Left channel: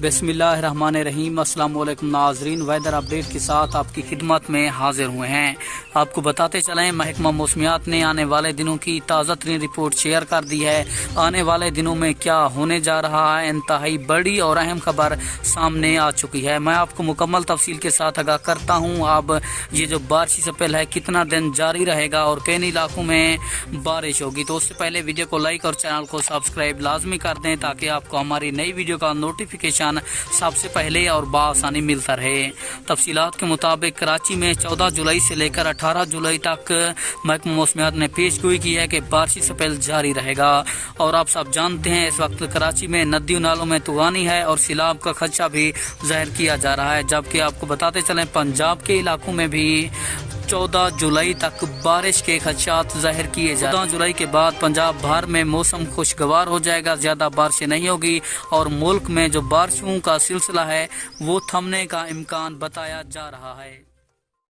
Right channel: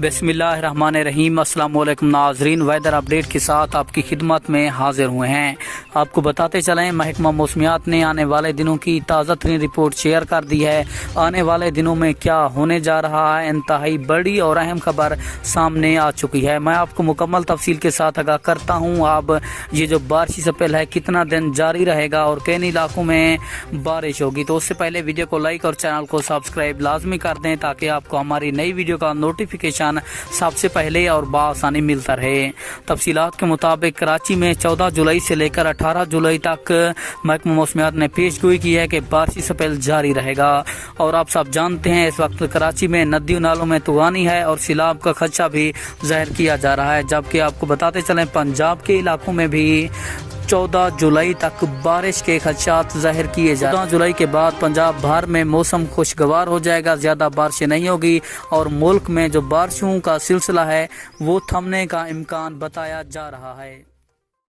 बिस्मिल्लाहिर्रहमानिर्रहीम। अस्सलाम वालेकुम नाज़रीन, वेदर अपडेट के साथ आपकी खिदमत में हाजिर हुए हैं। आपको बताते चलें, महकमा मौसमियात ने आने वाले दिनों की ताज़ा तरीन रिपोर्ट शेयर कर दी है। आने वाले दिनों में क्या होने जा रहा है, इंतहाई बड़ी और अहम खबर सामने आ चुकी है। मैं आपको मुकम्मल तफसील के साथ आगाह करता हूँ। अब ये जो बारिशी स्पेल है कितना दिन जारी रहेगा और किन इलाकों में बारिश होगी, तो उससे पहले वीडियो को लाइक और चैनल को सब्सक्राइब लाजमी कर दें ताकि आपको हमारी नई वीडियो का नोटिफिकेशन सबसे पहले और बआसानी मिलता रहे। तफसीलात के मुताबिक कराची में 14 जुलाई से लेकर 18 जुलाई तक महकमा मौसमियात ने पेशगोई की है कि बारिशी स्पेल जारी रहेगा। और आप सब जानते हैं इस वक्त कराची में नदियों नालों में तूफानी है और सैलाब का खदशा भी ज़ाहिर किया जा रहा है। जबकि आपको बताते चलें, पंजाब के इलाकों में भी 14 जुलाई तक बारिश के खदशात जाहिर किए जा रहे हैं। 14 जुलाई के बाद पंजाब भर में मौसम खुशगवार हो जाएगा, ज़्यादा बारिशें नहीं होगी और मुल्क में जो बारिशों का सिलसिला है वो थमने का इम्कान बताया जा रहा है।